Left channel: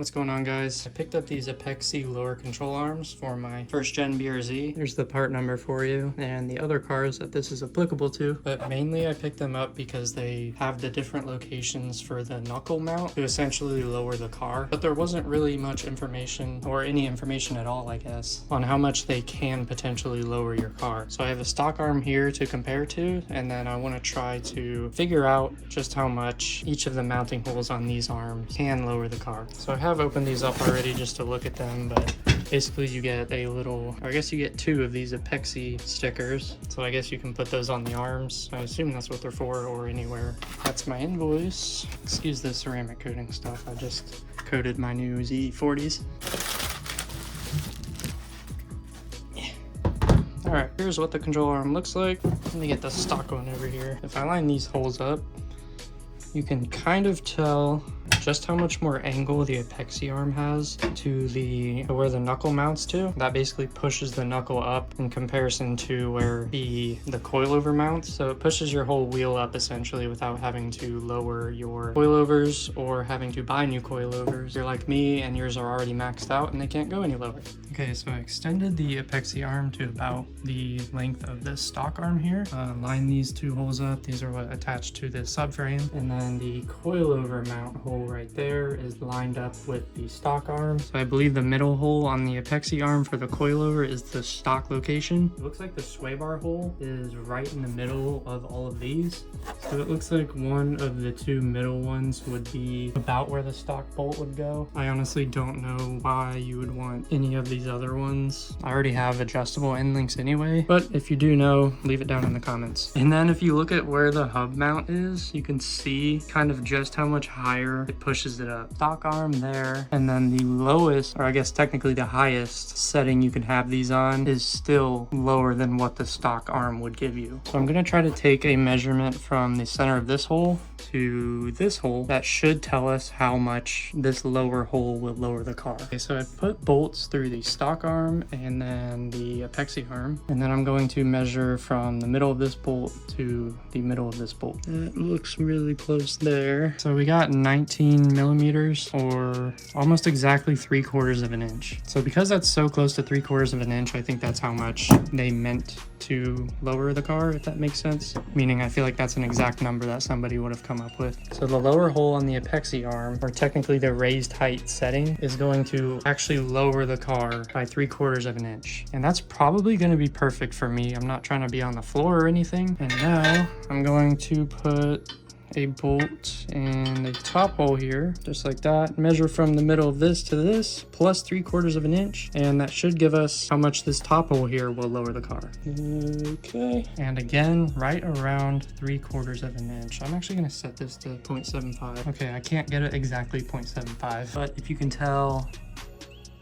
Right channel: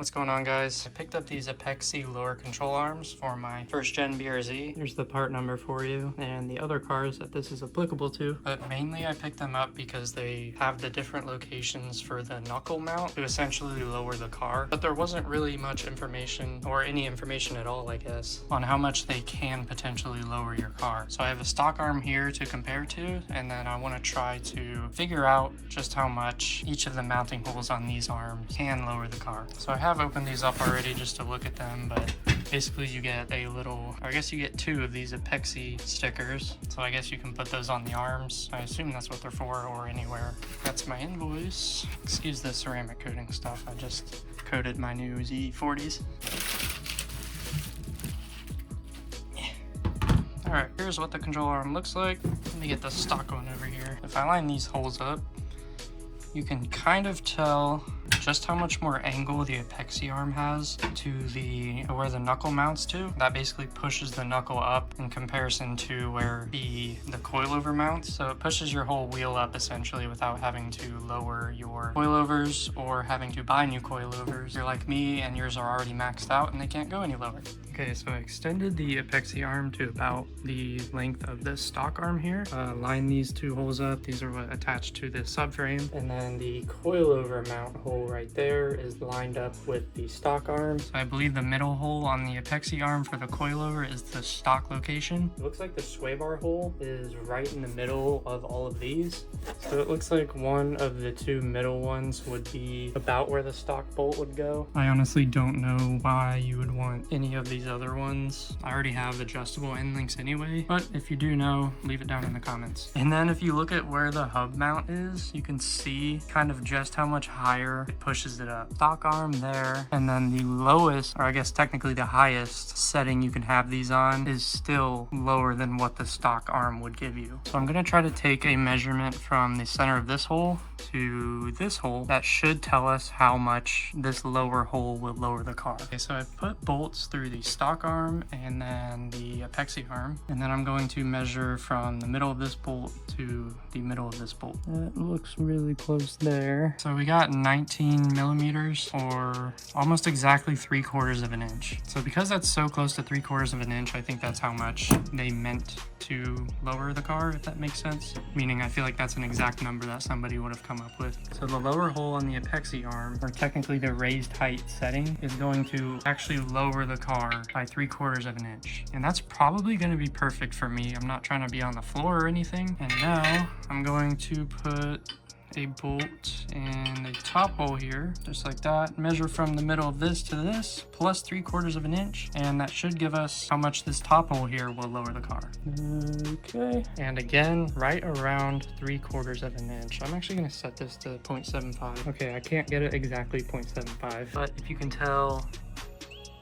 What's going on, guys? I picked up these Apexi lower control arms for my first gen BRZ. There's the part number for you and the other cars that this is applicable to, but mainly I picked them up because they have the different locations for the knuckle mount to essentially lower the car. But there wasn't really much information, or any information at all, I guess, on how much they can potentially lower your car. So I have a stock arm here to compare to, and then I want to try to figure out just how much each of the mounting holes on these arms can lower the car. So I have opened these up already just to look at them, but basically you get a little, I guess you get two of these Apexi stickers. So I guess you can put those on the arms. I assume that's what they're for, or anywhere. That's my invoice. Excuse the ceramic coating stuff. I just coated my new Z40s. Alright, here's what the control arm looks like. Let me get the stock one over here. If I line these holes up, you can kind of tell just how much more angle the Apexi arm has to where the knuckle mounts to. That basically pushes the knuckle up in comparison to where the coilover mounts. So it pushes your whole wheel up essentially without having to lower your coilovers or having to buy new coilovers. If you're like me and yours are already maxed out and they can't go any lower. Okay, so I extended the Apexi arm to about the length of this stock arm here. Line these two holes up. These are what attach to the subframe. And then the coilover mount hole right there is lined up with the stock arm. So I believe the middle hole on the Apexi arm for the coilover is the stock location. It looks like the sway bar hole is right in the middle of all of these. So it looks like one of the two middle ones would be about where the stock bolt would go. I honestly don't know why you would want any of these other ones. I already have adjustable end links anyway, but if you do know, leave it down in the comments. And then if you look at where the hub mount is, you can see kind of just how much higher it pushes it up. Stock arm there, and then the lowest, or I guess technically the highest setting you can have these on is still lower than what the stock arm would give you. So I'm gonna try to take a measurement from the center of this hole to this hole. That should tell us how much this lower hole will lower the car. Okay, so I put bolts through the stock arm and then the Apexi arm, and then I'm going to measure from the middle of this bolt to the middle of this bolt. It looks really close there. So we got 19 millimeters, or almost exactly 3/4 of an inch. So because that's so close to 3/4 of an inch, I think that's how much they meant to lower the car, if that makes sense. Meaning I feel like that's an exact number that somebody would have come up with. So the lower hole on the Apexi arm, or technically the raised height setting, is going to actually lower the car by 3/4 of an inch. And that's probably going to be perfect for me. I'm not trying to be on the floor or anything. And now I'm going to put a bolt in the top hole here, just like that. Measure from the middle of this to this, plus 3/4 of an inch, and that should give us how much this top hole here will lower the car. Okay, and again, right around 3/4 of an inch. I'm actually gonna set this to 0.75. Okay, I can't get it exactly 0.75, but if you can tell,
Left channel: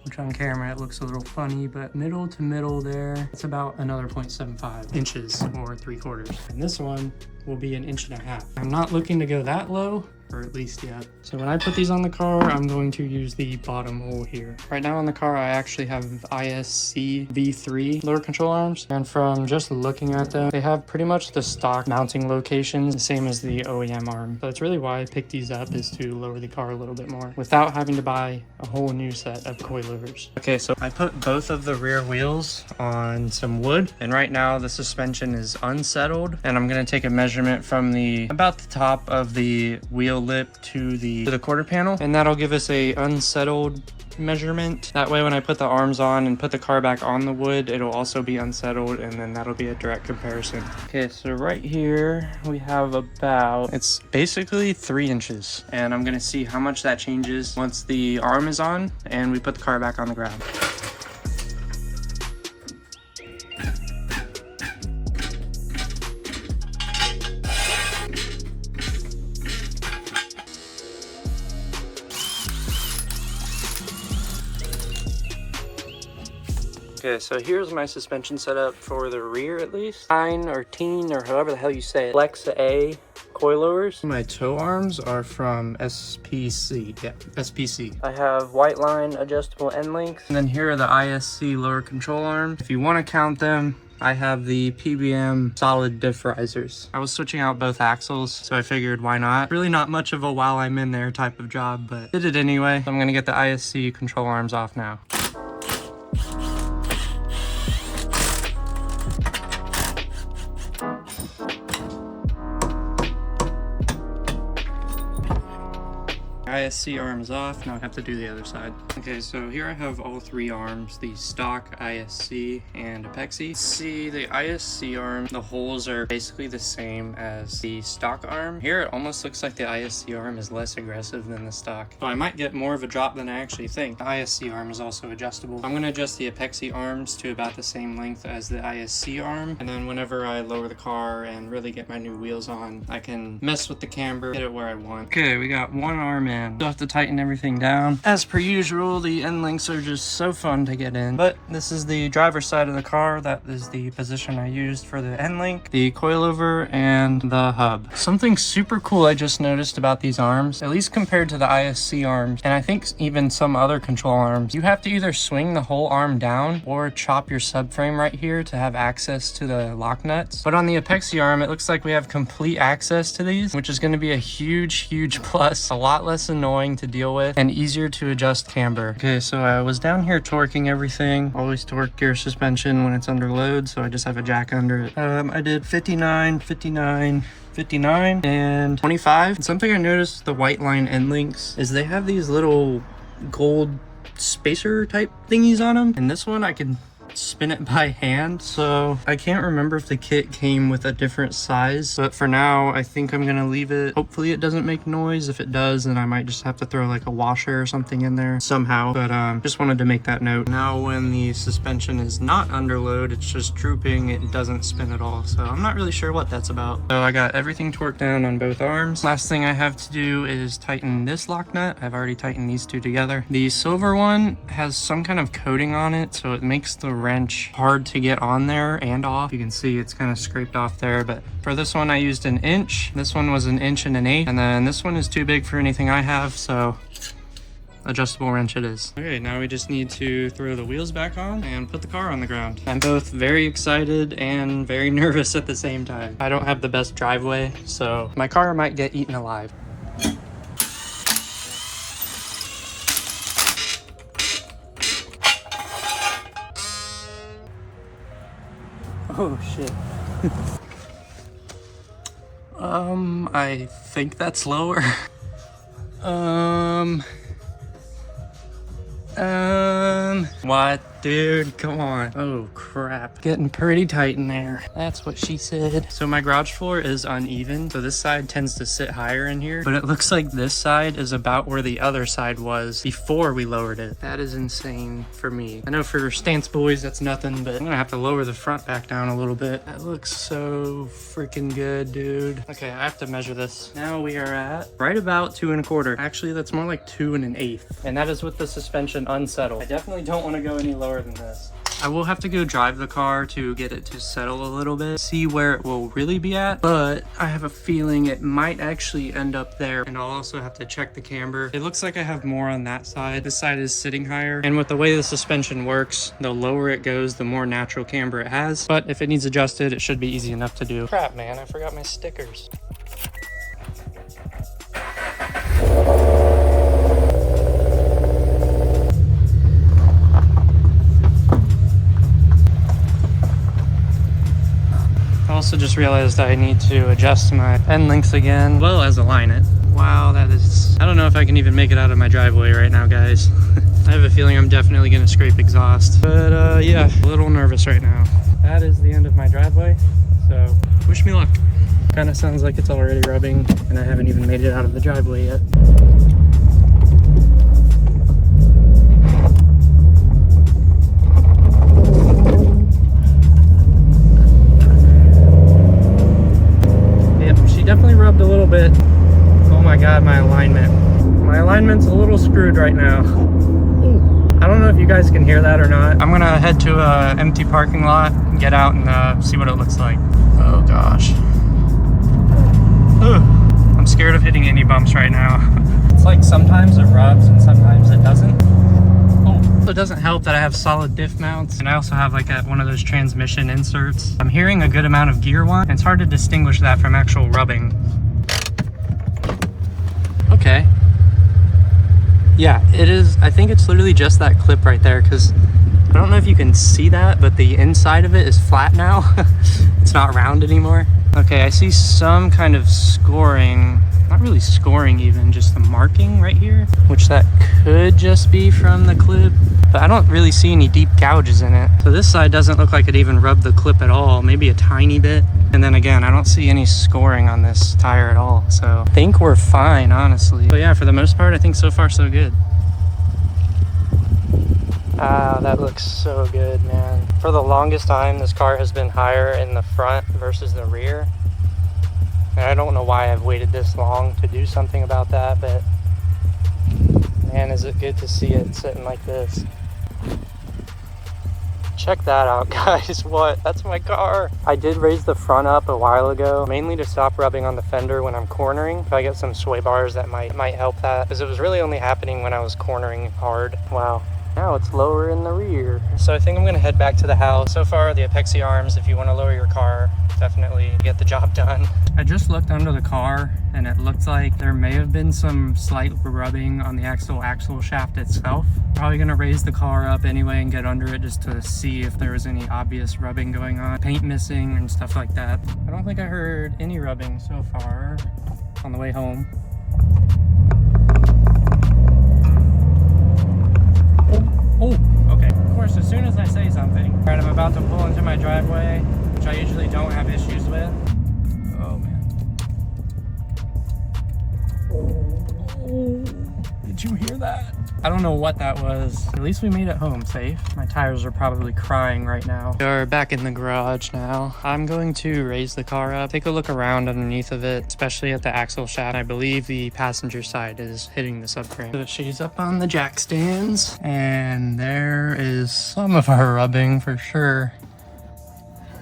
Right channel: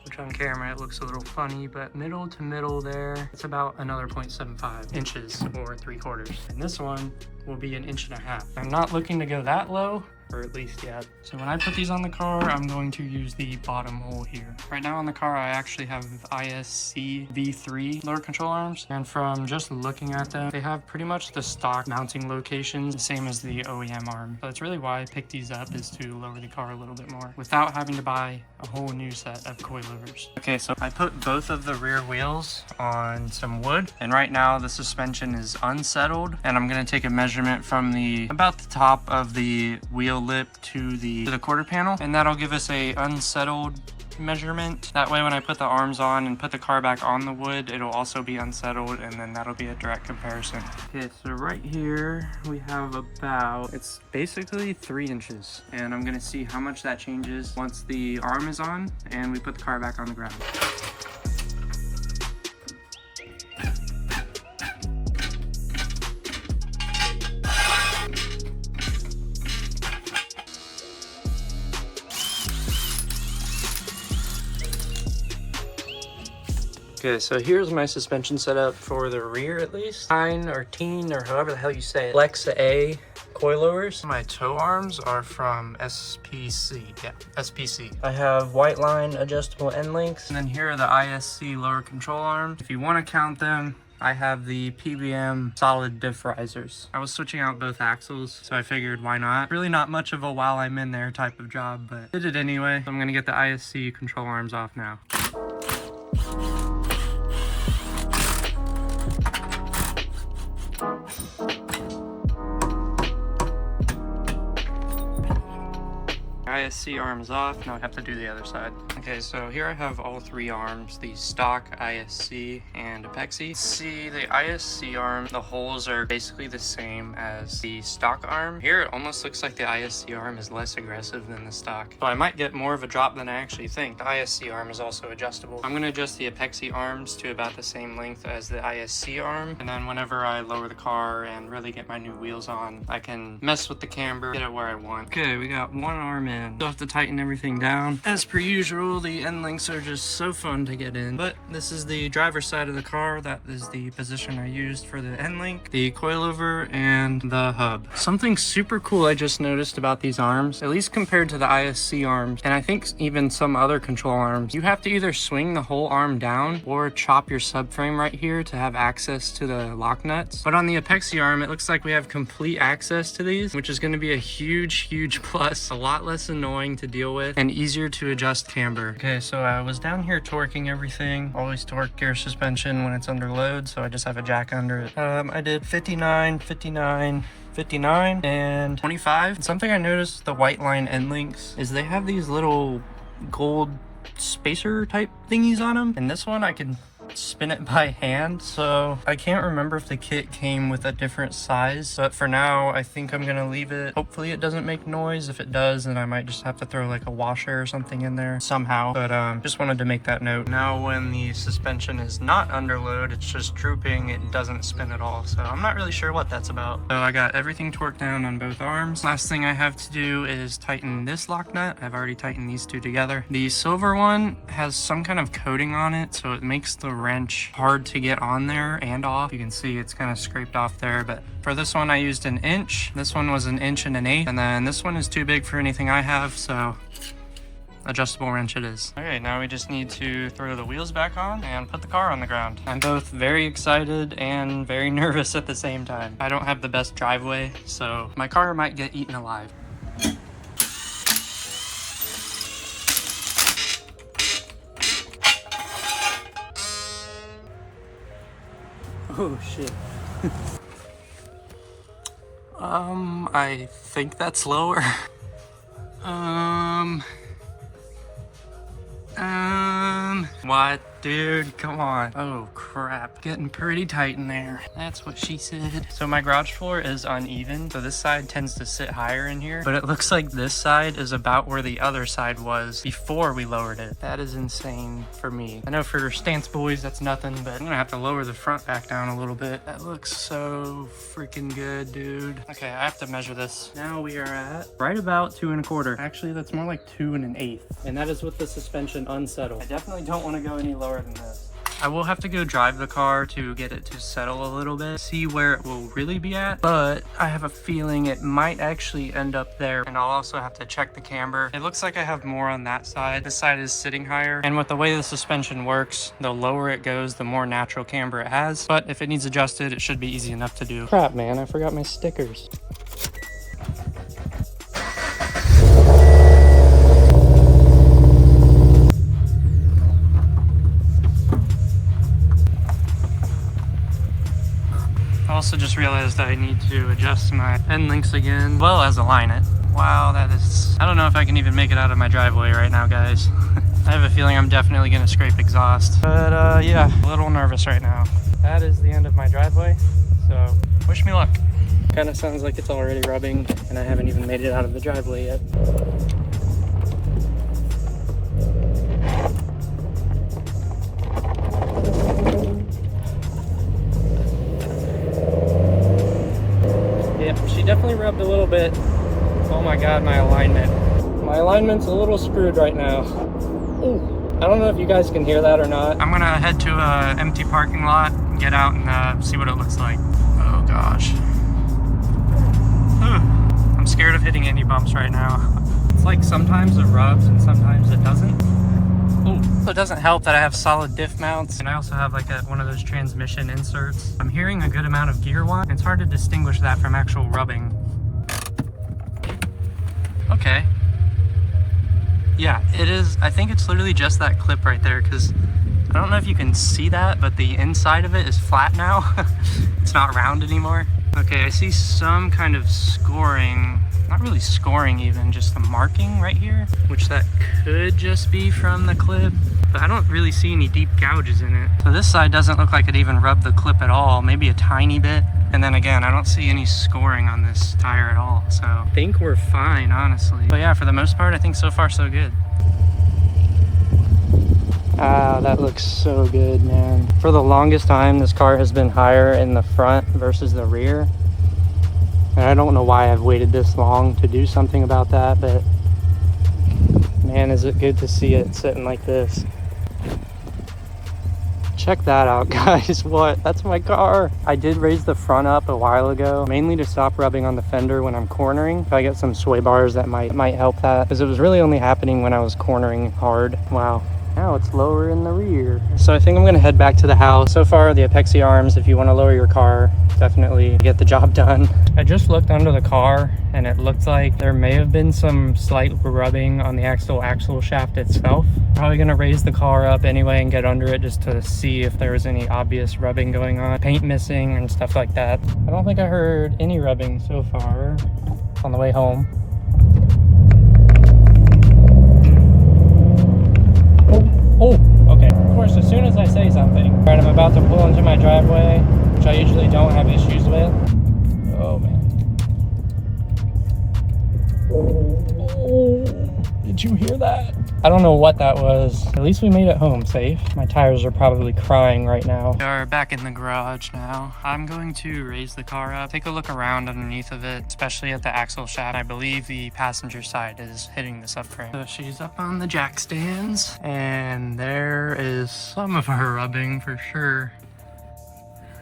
which on camera it looks a little funny, but middle to middle there, it's about another 0.75 inches, or 3/4. And this one will be 1.5 inches. I'm not looking to go that low, or at least yet. So when I put these on the car, I'm going to use the bottom hole here. Right now on the car, I actually have ISC V3 lower control arms, and from just looking at them, they have pretty much the stock mounting locations, the same as the OEM arm. So that's really why I picked these up, is to lower the car a little bit more without having to buy a whole new set of coilovers. Okay, so I put both of the rear wheels on some wood, and right now the suspension is unsettled, and I'm gonna take a measurement from about the top of the wheel lip to the quarter panel, and that'll give us a unsettled measurement. That way when I put the arms on and put the car back on the wood, it'll also be unsettled, and then that'll be a direct comparison. Okay, so right here we have it's basically 3 inches, and I'm gonna see how much that changes once the arm is on and we put the car back on the ground. Okay, so here's my suspension setup for the rear, at least. 9 or 10, or however the hell you say it. Flex A coilovers. My toe arms are from SPC. Yeah, SPC. I have white line adjustable end links. And then here are the ISC lower control arms. If you want to count them, I have the PBM solid diff risers. I was switching out both axles, so I figured why not. Really not much of a while I'm in there type of job, but did it anyway. So I'm gonna get the ISC control arms off now. ISC arms off. Now I have to do the other side. Okay, so here I have all three arms, the stock, ISC, and Apexi. See, the ISC arm, the holes are basically the same as the stock arm. Here it almost looks like the ISC arm is less aggressive than the stock. So I might get more of a drop than I actually think. The ISC arm is also adjustable. I'm gonna adjust the Apexi arms to about the same length as the ISC arm, and then whenever I lower the car and really get my new wheels on, I can mess with the camber, get it where I want. Okay, we got one arm in. Still have to tighten everything down. As per usual, the end links are just so fun to get in. But this is the driver's side of the car. That is the position I used for the end link, the coilover, and the hub. Something super cool I just noticed about these arms, at least compared to the ISC arms, and I think even some other control arms, you have to either swing the whole arm down or chop your subframe right here to have access to the lock nuts. But on the Apexi arm, it looks like we have complete access to these, which is going to be a huge plus. A lot less annoying to deal with and easier to adjust camber. Okay, so I was down here torquing everything. Always torque gear suspension when it's under load, so I just have a jack under it. I did 59, 59, 59, and 25. And something I noticed the white line end links is they have these little gold spacer type thingies on them. And this one I can spin it by hand, so I can't remember if the kit came with a different size, but for now I think I'm gonna leave it. Hopefully it doesn't make noise. If it does, then I might just have to throw like a washer or something in there somehow, but just wanted to make that note. Now when the suspension is not under load, it's just drooping, it doesn't spin at all, so I'm not really sure what that's about. So I got everything torqued down on both arms. Last thing I have to do is tighten this lock nut. I've already tightened these two together. The silver one has some kind of coating on it, so it makes the wrench hard to get on there and off. You can see it's kind of scraped off there, but for this one I used an inch. This one was an inch and an eighth, and then this one is too big for anything I have, so adjustable wrench it is. Okay, now we just need to throw the wheels back on and put the car on the ground. I'm both very excited and very nervous at the same time. I don't have the best driveway, so my car might get eaten alive. Oh shit. I think that's lower. What? Dude, come on. Oh crap. Getting pretty tight in there. That's what she said. So my garage floor is uneven, so this side tends to sit higher in here, but it looks like this side is about where the other side was before we lowered it. That is insane for me. I know for stance boys that's nothing, but I'm gonna have to lower the front back down a little bit. That looks so freaking good, dude. Okay, I have to measure this. Now we are at right about 2 1/4. Actually, that's more like 2 1/8, and that is with the suspension unsettled. I definitely don't want to go any lower than this. I will have to go drive the car to get it to settle a little bit, see where it will really be at, but I have a feeling it might actually end up there, and I'll also have to check the camber. It looks like I have more on that side. This side is sitting higher, and with the way the suspension works, the lower it goes, the more natural camber it has, but if it needs adjusted, it should be easy enough to do. Crap, man, I forgot my stickers. I also just realized I need to adjust my end links again, as well as align it. Wow, that is... I don't know if I can even make it out of my driveway right now, guys. I have a feeling I'm definitely going to scrape exhaust. But yeah, a little nervous right now. That is the end of my driveway, so wish me luck. Kind of sounds like it's already rubbing, and I haven't even made it out of the driveway yet. Definitely rubbed a little bit. Oh my god, my alignment. My alignment's a little screwed right now. Ooh. I don't know if you guys can hear that or not. I'm gonna head to an empty parking lot, get out and see what it looks like. Oh gosh. Ooh. I'm scared of hitting any bumps right now. It's like sometimes it rubs and sometimes it doesn't. Ooh. Also, it doesn't help that I have solid diff mounts, and I also have like one of those transmission inserts. I'm hearing a good amount of gear whine, and it's hard to distinguish that from actual rubbing. Okay. Yeah, it is. I think it's literally just that clip right there, because I don't know if you can see that, but the inside of it is flat now. It's not round anymore. Okay, I see some kind of scoring. Not really scoring even, just the marking right here, which that could just be from the clip, but I don't really see any deep gouges in it. So this side doesn't look like it even rubbed the clip at all, maybe a tiny bit. And then again, I don't see any scoring on this tire at all, so I think we're fine, honestly. But yeah, for the most part, I think so far so good. Ah, that looks so good, man. For the longest time, this car has been higher in the front versus the rear. And I don't know why I've waited this long to do something about that, but man, is it good to see it sitting like this. Check that out, guys. What? That's my car. I did raise the front up a while ago, mainly to stop rubbing on the fender when I'm cornering. If I get some sway bars, that might help that, because it was really only happening when I was cornering hard. Wow. Now it's lower in the rear. So I think I'm gonna head back to the house. So far, the Apexi arms, if you wanna lower your car, definitely get the job done. I just looked under the car and it looked like there may have been some slight rubbing on the axle shaft itself. Probably gonna raise the car up anyway and get under it just to see if there was any obvious rubbing going on. Paint missing and stuff like that. I don't think I heard any rubbing so far on the way home. Oh, okay. Of course, as soon as I say something. All right, I'm about to pull into my driveway, which I usually don't have issues with. Oh, man. Oh, did you hear that? I don't know what that was. At least we made it home safe. My tires are probably crying right now. We are back in the garage now. I'm going to raise the car up, take a look around underneath of it, especially at the axle shaft. I believe the passenger side is hitting the subframe. So she's up on the jack stands, and there is some of our rubbing for sure.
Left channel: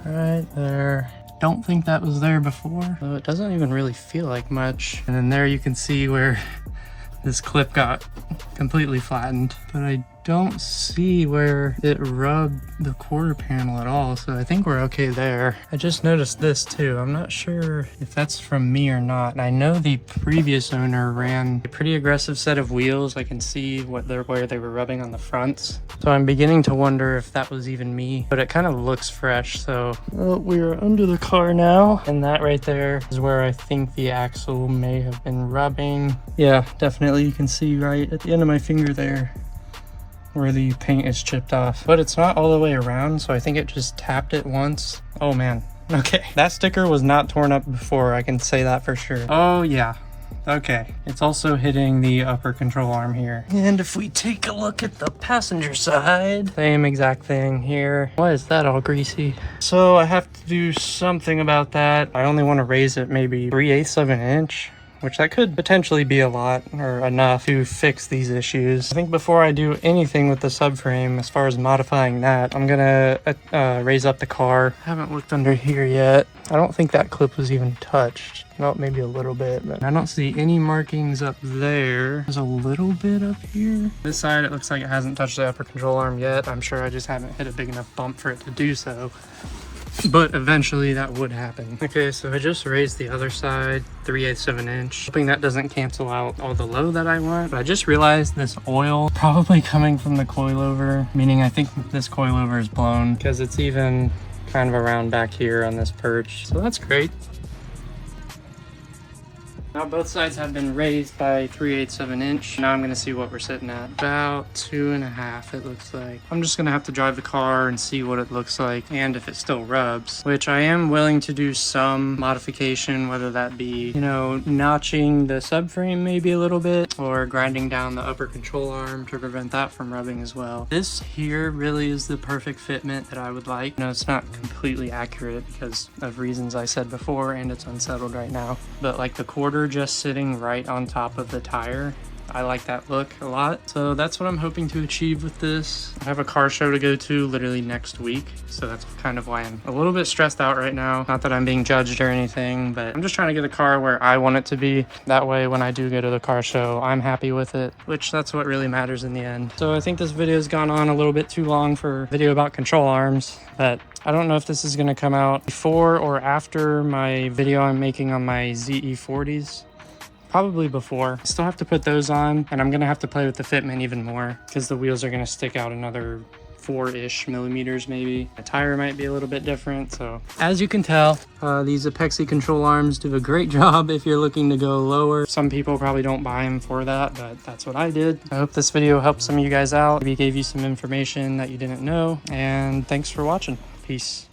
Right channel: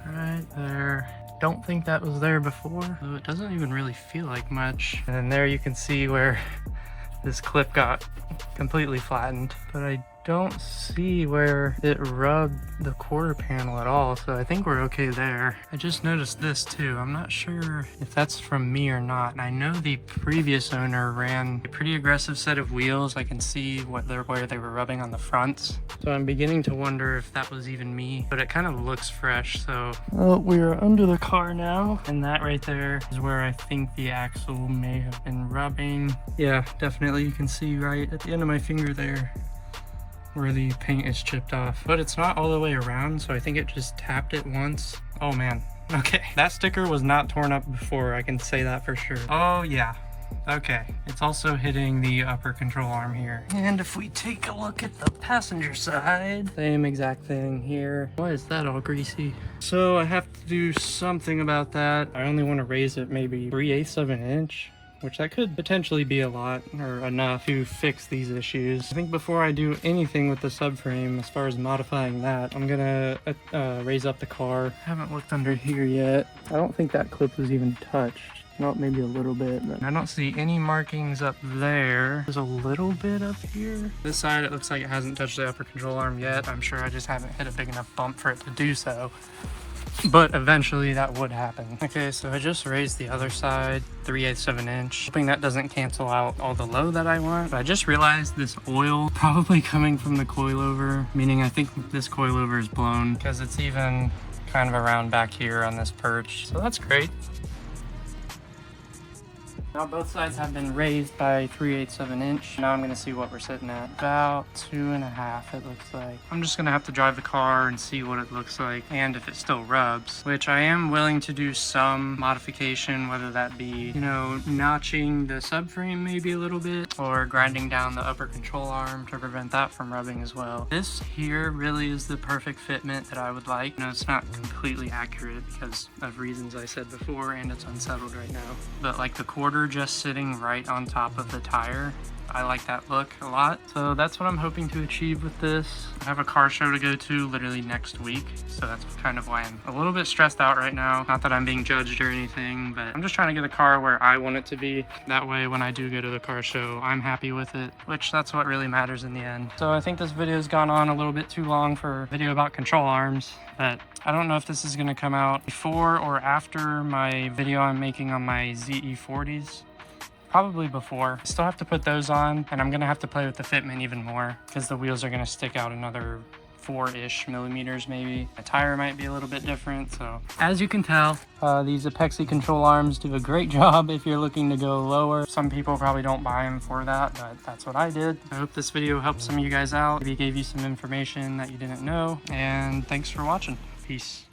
Right there. Don't think that was there before, though it doesn't even really feel like much. And then there you can see where this clip got completely flattened, but I don't see where it rubbed the quarter panel at all, so I think we're okay there. I just noticed this too. I'm not sure if that's from me or not. And I know the previous owner ran a pretty aggressive set of wheels. I can see where they were rubbing on the fronts, so I'm beginning to wonder if that was even me, but it kind of looks fresh. So we're under the car now, and that right there is where I think the axle may have been rubbing. Yeah, definitely. You can see right at the end of my finger there where the paint is chipped off, but it's not all the way around, so I think it just tapped it once. Oh man, okay, that sticker was not torn up before, I can say that for sure. Oh yeah, okay, it's also hitting the upper control arm here. And if we take a look at the passenger side, same exact thing here. Why is that all greasy? So I have to do something about that. I only want to raise it maybe 3/8 of an inch, which that could potentially be a lot or enough to fix these issues. I think before I do anything with the subframe, as far as modifying that, I'm gonna raise up the car. I haven't looked under here yet. I don't think that clip was even touched. No, maybe a little bit, but I don't see any markings up there. There's a little bit up here. This side, it looks like it hasn't touched the upper control arm yet. I'm sure I just haven't hit a big enough bump for it to do so, but eventually that would happen. Okay, so I just raised the other side 3/8 of an inch, hoping that doesn't cancel out all the low that I want. But I just realized this oil probably coming from the coilover, meaning I think this coilover is blown, because it's even kind of around back here on this perch. So that's great. Now both sides have been raised by 3/8 of an inch. Now I'm gonna see what we're sitting at. About 2.5, it looks like. I'm just gonna have to drive the car and see what it looks like and if it still rubs, which I am willing to do some modification, whether that be, you know, notching the subframe maybe a little bit, or grinding down the upper control arm to prevent that from rubbing as well. This here really is the perfect fitment that I would like. No, it's not completely accurate because of reasons I said before, and it's unsettled right now. But like the quarter just sitting right on top of the tire I like that look a lot. So that's what I'm hoping to achieve with this. I have a car show to go to literally next week, so that's kind of why I'm a little bit stressed out right now. Not that I'm being judged or anything, but I'm just trying to get a car where I want it to be. That way when I do go to the car show, I'm happy with it, which that's what really matters in the end. So I think this video's gone on a little bit too long for a video about control arms, but I don't know if this is going to come out before or after my video I'm making on my ZE40s. Probably before. I still have to put those on, and I'm going to have to play with the fitment even more because the wheels are going to stick out another 4-ish millimeters maybe. The tire might be a little bit different. So as you can tell, these Apexi control arms do a great job if you're looking to go lower. Some people probably don't buy them for that, but that's what I did. I hope this video helped some of you guys out. Maybe gave you some information that you didn't know, and thanks for watching. Peace.